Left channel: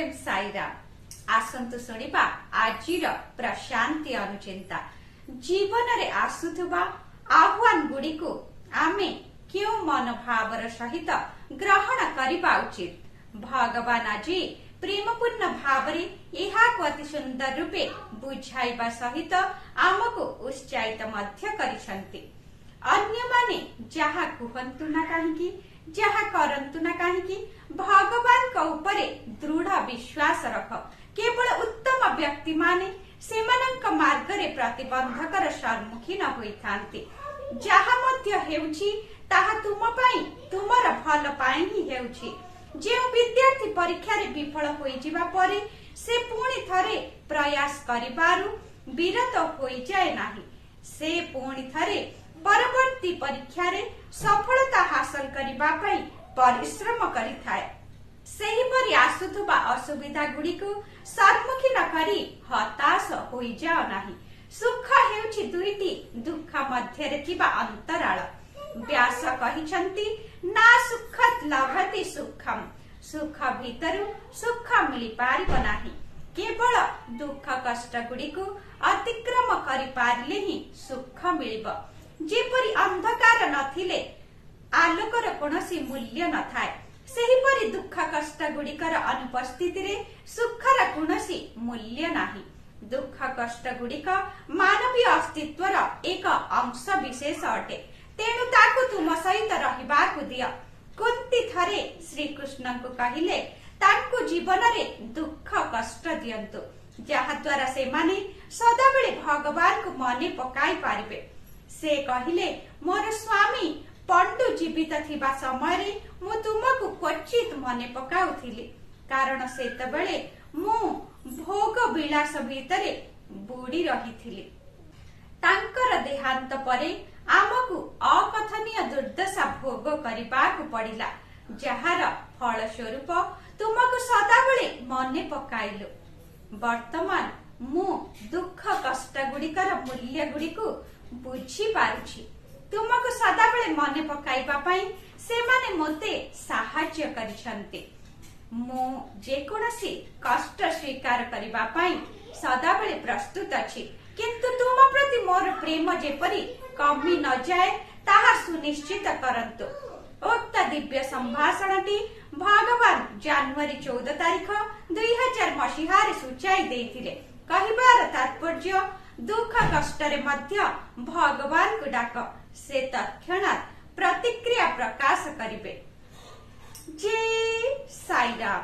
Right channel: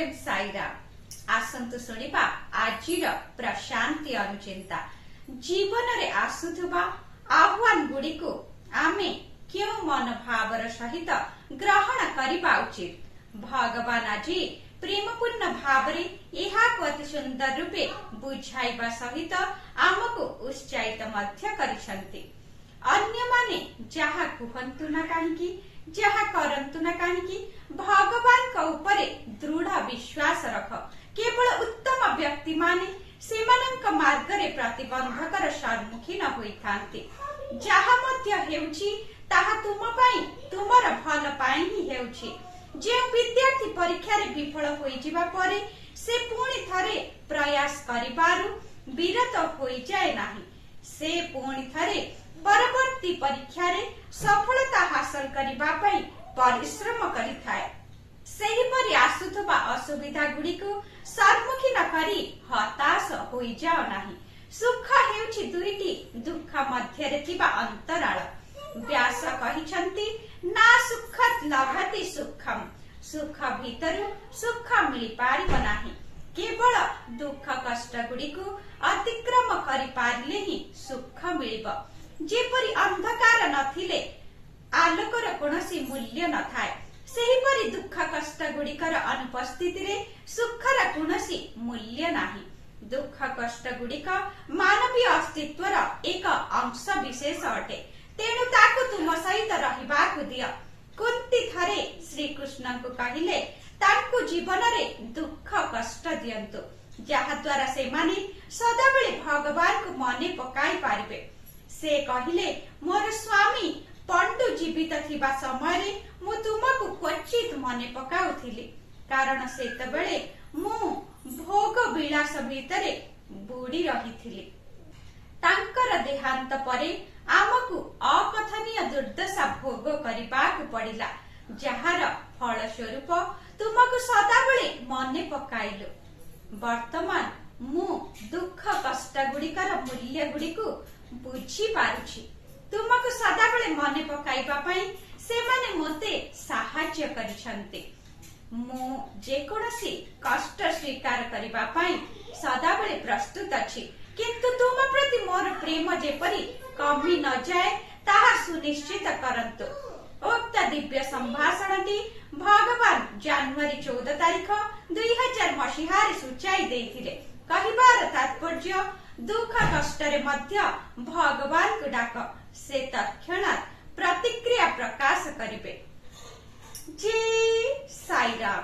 प्रेम साईराम आसंतु शुणिबा आजिर प्रशांति अनुचिंता जीवन रे आसुथुबा आह्वान गुड़िकु आमे क्यों मनोभावर सहित ग्रहण करिबा उचित। भगवान आज प्रेमपूर्ण भावरे एहाकु अति सुंदर रूपे बुझाइबा सहित आमको उत्साहित मध्य करिसंती। अन्य माने जहा कुहंतु ना काहींकी जहा करंतु ना काहींकी भगवान का उपरे दृढ़ विश्वास रख। केवल उत्तम व्यक्ति माने सेमानंक मार्गरे प्रतिबंधकर सम्मुखीन होइथांती। जहा मध्य हेउछि ताहा तुम पई तुमर भल पई ही हेउछि। जे विद्यार्थी परीक्षा रे विफल होई जिबा परे से पुणी थरे प्रयास करिबारु विरत होई जाय नाही। से पुणी थरे परवर्ती परीक्षा रे सफलता हासिल करिबा पई परिश्रम करिथाय। सेही परि आसुथबा असुविधा गुड़िको सम्मुखीन करी हताश होई जाओ नाही। सुख हेउछि दुईटी दुख मध्य रे थिबा अंतराल। व्यास कहिछंती ना सुखत लभति सुखम। सुख भीतरु सुख मिली पारिब नाही। केवल दुख कष्ट गुड़िको अतिक्रम करि पारिले ही सुख मिलिब। जेपरि अंधकार नथिले आलोकर कोनोसी मूल्य नथाय सेहीपरि दुख कष्ट गुड़िकर अनुपस्थिति रे सुखर कोनोसी मूल्य नाही। दुख कष्ट गुड़िक मानवीय अस्तित्वर एक अंश विशेष अटे। तेणु ताकु तुम सहित रहिबाकु दिय। कुंती थरे श्री कृष्ण को कहिले ताकु जीवन रे दुख कष्ट दियंतु जहा द्वारा से माने सदाबेले भगवान को मने पकाई पारिबे। से कहिले मोर स्वामी पंडु जीवित थिबा समय मु तुमको क्वचित मने पकाउथिली कारण सेतबेले मु भोग विलास भितरे बुड़ी रहिथिली। तांकर देहांत परे आमकु अकथनीय दुर्दशा भोग करिबाकु पड़िला जहार फल स्वरूप तुमको सदाबेले मने पकाइलु। वर्तमान मु दुख कष्ट गुड़िकर मूल्य गुड़िकु बुझी पारुछि। तुमको सदाबेले मने पकाइबा पई सेमाने मोते साहाय्य करिसंती। मु जेकोनसी कष्ट स्वीकार करिबा पई सदाबेले प्रस्तुत अछि किंतु तुम प्रति मोर प्रेम जेपरि कमी न जाए ताहा सुनिश्चित करंतु। उक्त दिव्य संभाषणटी भगवान जनवरी 14 तारिख 2000 मसीहारे सूचाई देथिले। कहिबार तात्पर्य दुख कष्ट रे मध्य भगवान को डाक से तत्क्षणात प्रतिक्रिया प्रकाश करिबे। जय साईराम।